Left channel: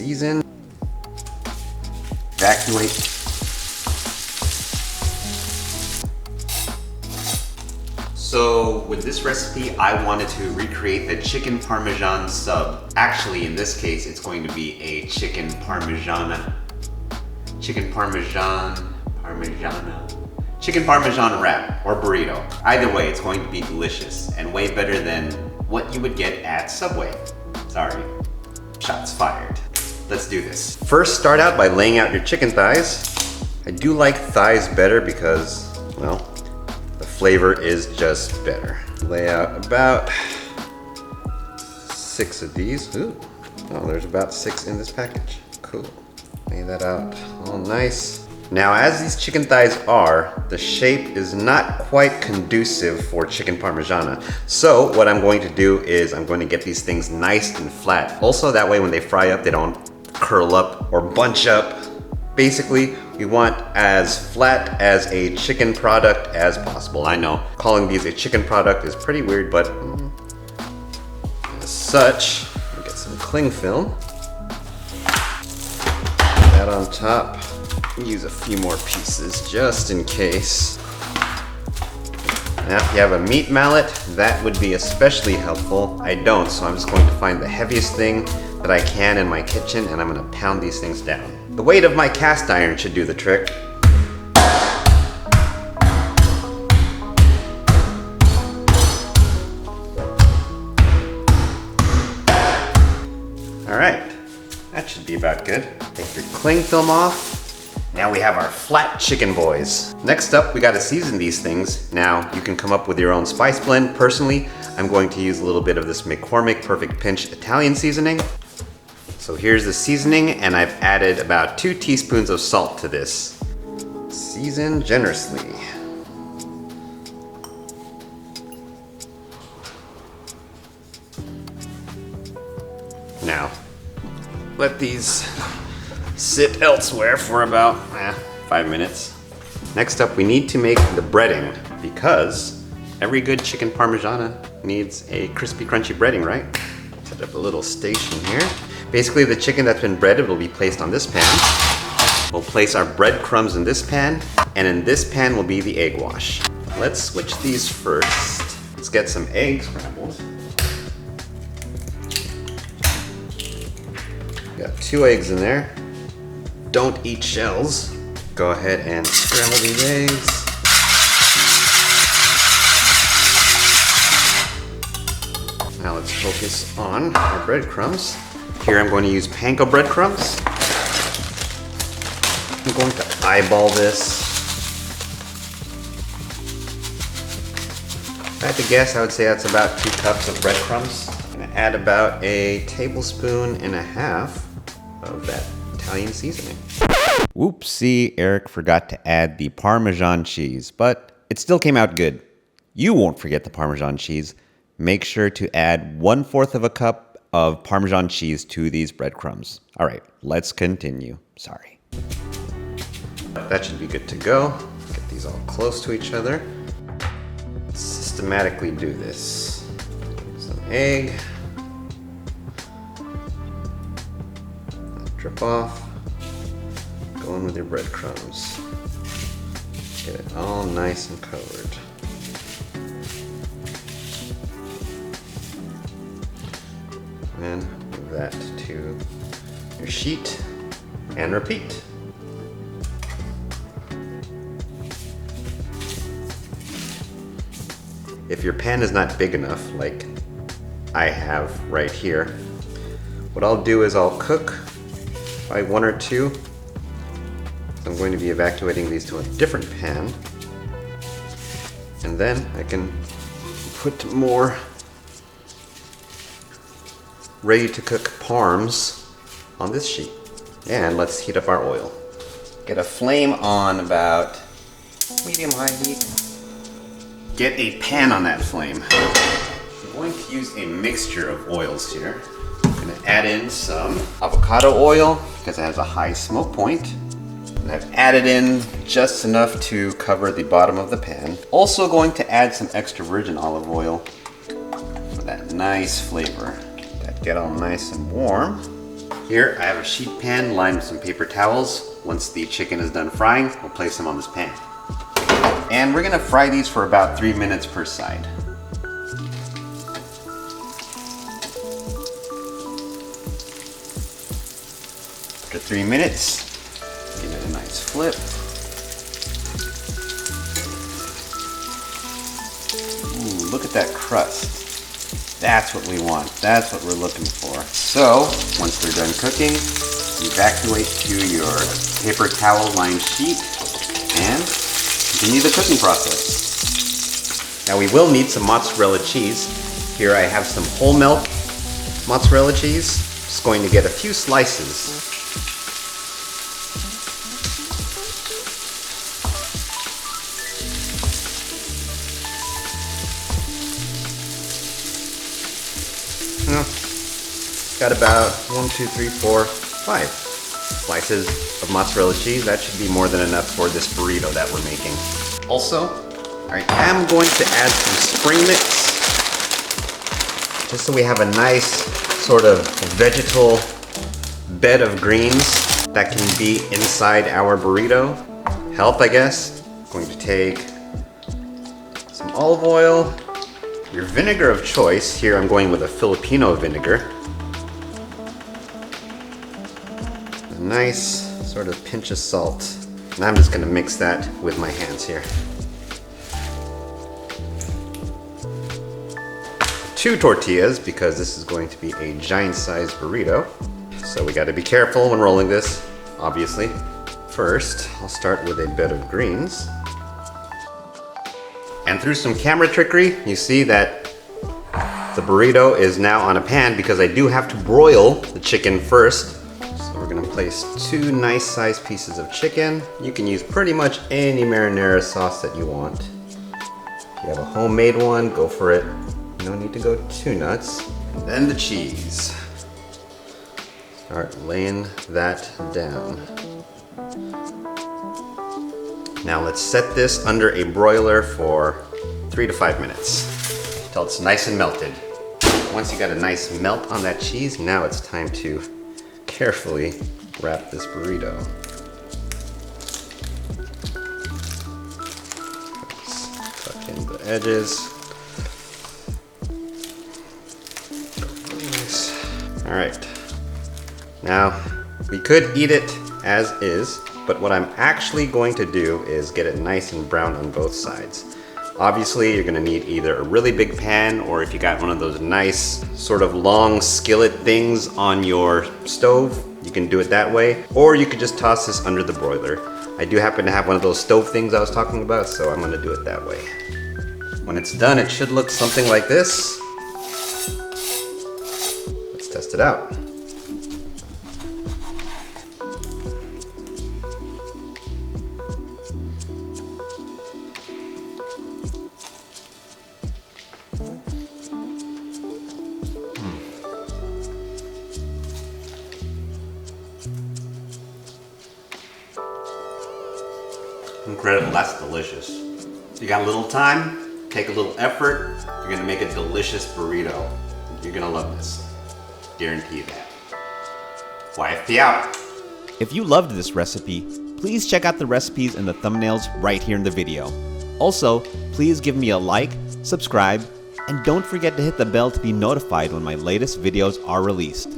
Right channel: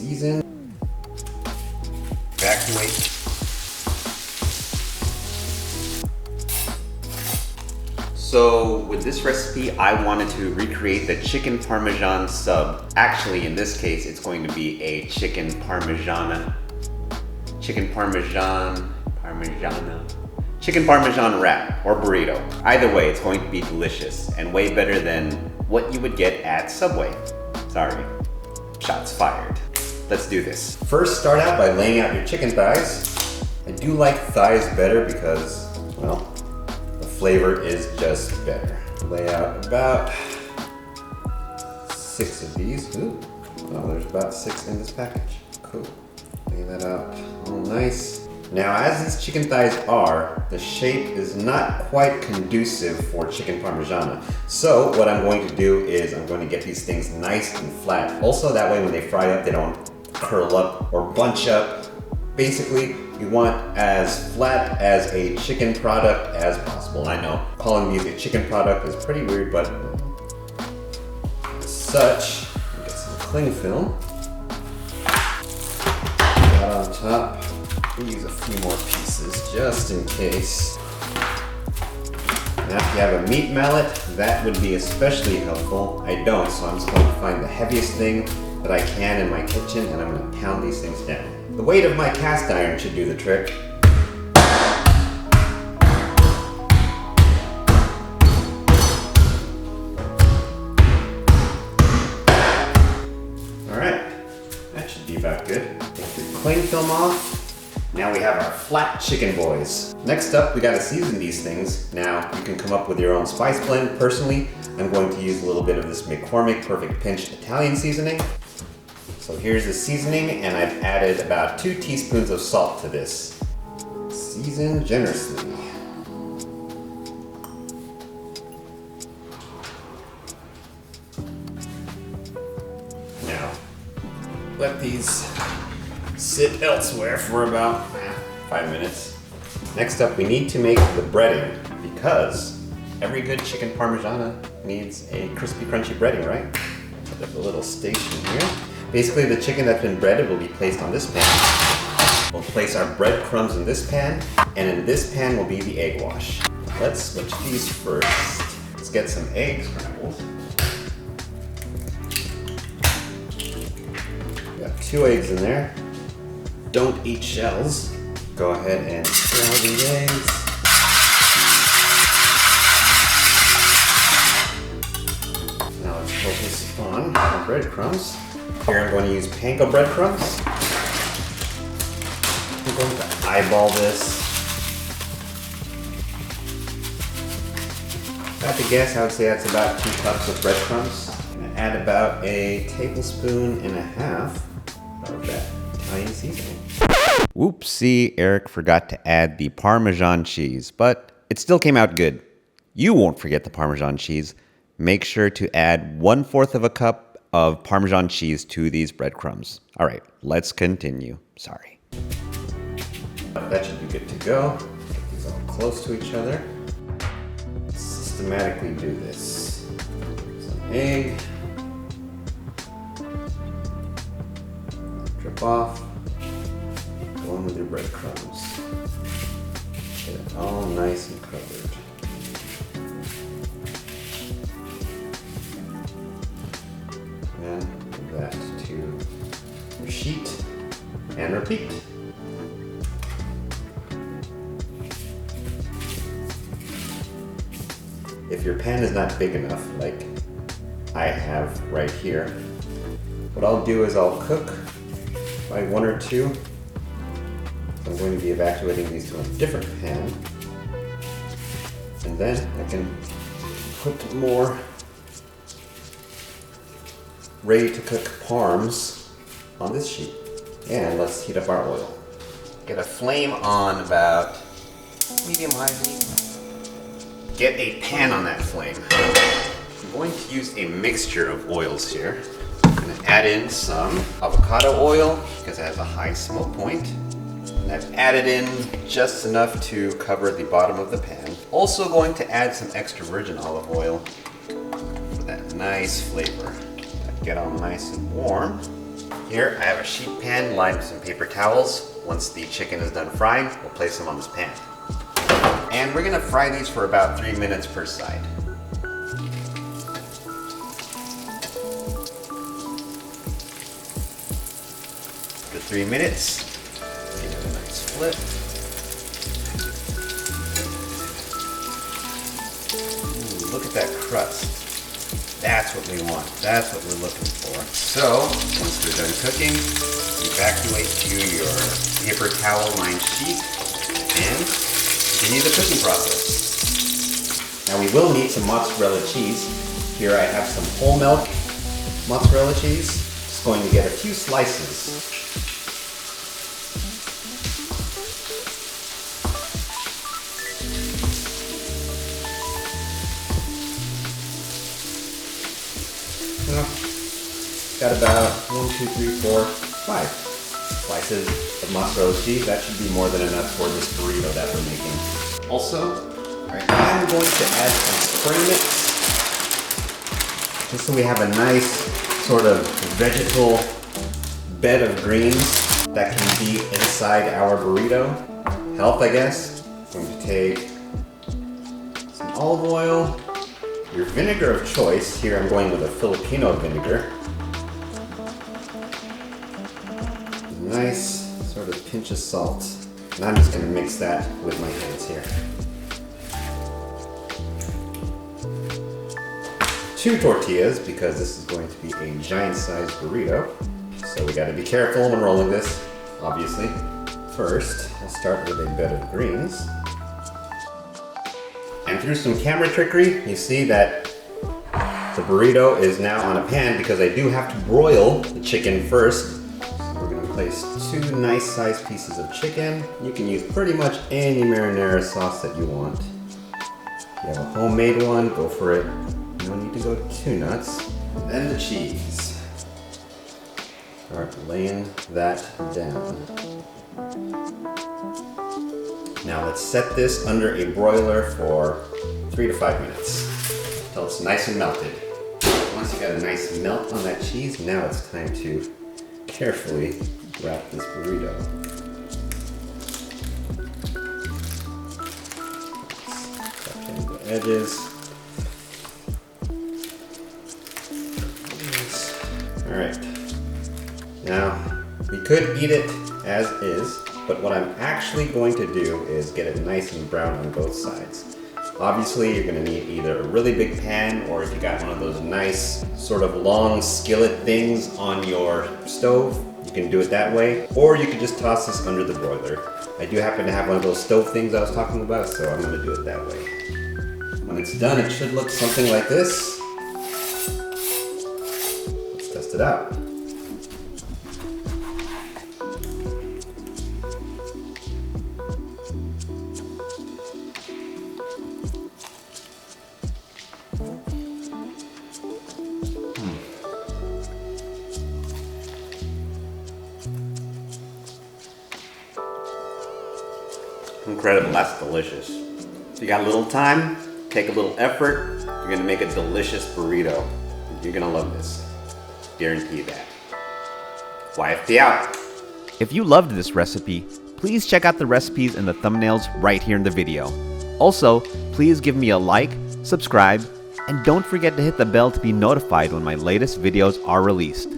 season, evacuate. So with this recipe, I wanted to recreate the chicken parmesan sub. Actually, in this case, it's going to be a chicken parmesan wrap or burrito. Either way, it's going to be delicious and way better than what you would get at Subway. Sorry, shots fired. Let's do this. First, start out by laying out your chicken thighs. I do like thighs better because, well, the flavor is just better. Lay out about 6 of these. Ooh, oh, there's about 6 in this package. Cool. Lay that out all nice. Now, as these chicken thighs are, the shape is not quite conducive for chicken parmigiana. So what I'm going to do is I'm going to get these things nice and flat. Also, that way when they fry up, they don't curl up or bunch up. Basically, we want as flat as a chicken product as possible. I know calling these a chicken product is pretty weird, but as such, we'll get some cling film. Put that on top. Use a few more pieces just in case. Now, if you have a meat mallet, that would be especially helpful. I don't, so I'm just going to find the heaviest thing that I can in my kitchen and I'm going to pound these things down. The weight of my cast iron should do the trick. All right, that should be about good. Take your cling film off. Now we have our flat chicken boys. Next up, we gotta season these things. Now, you can come up with your own spice blend. Personally, I'm going to use a little bit of this McCormick Perfect Pinch Italian seasoning. So here's the seasoning, and I've added about 2 teaspoons of salt to this. Season generously. Now, let these sit elsewhere for about 5 minutes. Next up, we need to make the breading because every good chicken parmigiana needs a crispy, crunchy breading, right? Set up a little station here. Basically, the chicken that's been breaded will be placed on this pan. We'll place our breadcrumbs in this pan, and in this pan will be the egg wash. Let's switch these first. Let's get some eggs scrambled. Got 2 eggs in there. Don't eat shells. Go ahead and scramble these eggs. Now let's focus on our breadcrumbs. Here I'm going to use panko breadcrumbs. I'm going to eyeball this. If I had to guess, I would say that's about 2 cups of breadcrumbs. I'm going to add about 1.5 tablespoons of that Italian seasoning. Whoopsie, Eric forgot to add the Parmesan cheese, but it still came out good. You won't forget the Parmesan cheese. Make sure to add 1/4 cup of Parmesan cheese to these breadcrumbs. All right, let's continue. Sorry. That should be good to go. Get these all close to each other. Systematically do this. Some egg. Drip off. Go in with your breadcrumbs. Get it all nice and covered. And move that to your sheet and repeat. If your pan is not big enough, like I have right here, what I'll do is I'll cook by 1 or 2. I'm going to be evacuating these to a different pan. And then I can put more ready to cook parms on this sheet. And let's heat up our oil. Get a flame on about medium-high heat. Get a pan on that flame. I'm going to use a mixture of oils here. I'm going to add in some avocado oil because it has a high smoke point. And I've added in just enough to cover the bottom of the pan. Also going to add some extra virgin olive oil for that nice flavor. Get all nice and warm. Here I have a sheet pan lined with some paper towels. Once the chicken is done frying, we'll place them on this pan. And we're gonna fry these for about 3 minutes per side. After 3 minutes, give it a nice flip. Ooh, look at that crust. That's what we want. That's what we're looking for. So, once they're done cooking, evacuate to your paper towel lined sheet and continue the cooking process. Now we will need some mozzarella cheese. Here I have some whole milk mozzarella cheese. Just going to get a few slices. Got about 1, 2, 3, 4, 5 slices of mozzarella cheese. That should be more than enough for this burrito that we're making. Also, I am going to add some spring mix, just so we have a nice sort of vegetal bed of greens that can be inside our burrito. Health, I guess. I'm going to take some olive oil, your vinegar of choice. Here I'm going with a Filipino vinegar. A nice sort of pinch of salt. And I'm just going to mix that with my hands here. 2 tortillas, because this is going to be a giant sized burrito. So we got to be careful when rolling this, obviously. First, I'll start with a bed of greens. And through some camera trickery, you see that the burrito is now on a pan because I do have to broil the chicken first. So we're gonna place 2 nice sized pieces of chicken. You can use pretty much any marinara sauce that you want. If you have a homemade one, go for it. No need to go too nuts. Then the cheese. Start laying that down. Now let's set this under a broiler for 3 to 5 minutes until it's nice and melted. Once you got a nice melt on that cheese, now it's time to carefully wrap this burrito. Tuck in the edges. All right. Now, we could eat it as is, but what I'm actually going to do is get it nice and brown on both sides. Obviously, you're gonna need either a really big pan, or if you got one of those nice sort of long skillet things on your stove, you can do it that way, or you could just toss this under the broiler. I do happen to have one of those stove things I was talking about, so I'm gonna do it that way. When it's done, it should look something like this. Let's test it out. Incredible, that's delicious. If you got a little time, take a little effort, you're gonna make a delicious burrito. You're gonna love this. Guarantee that. YFP out. If you loved this recipe, please check out the recipes in the thumbnails right here in the video. Also, please give me a like, subscribe, and don't forget to hit the bell to be notified when my latest videos are released.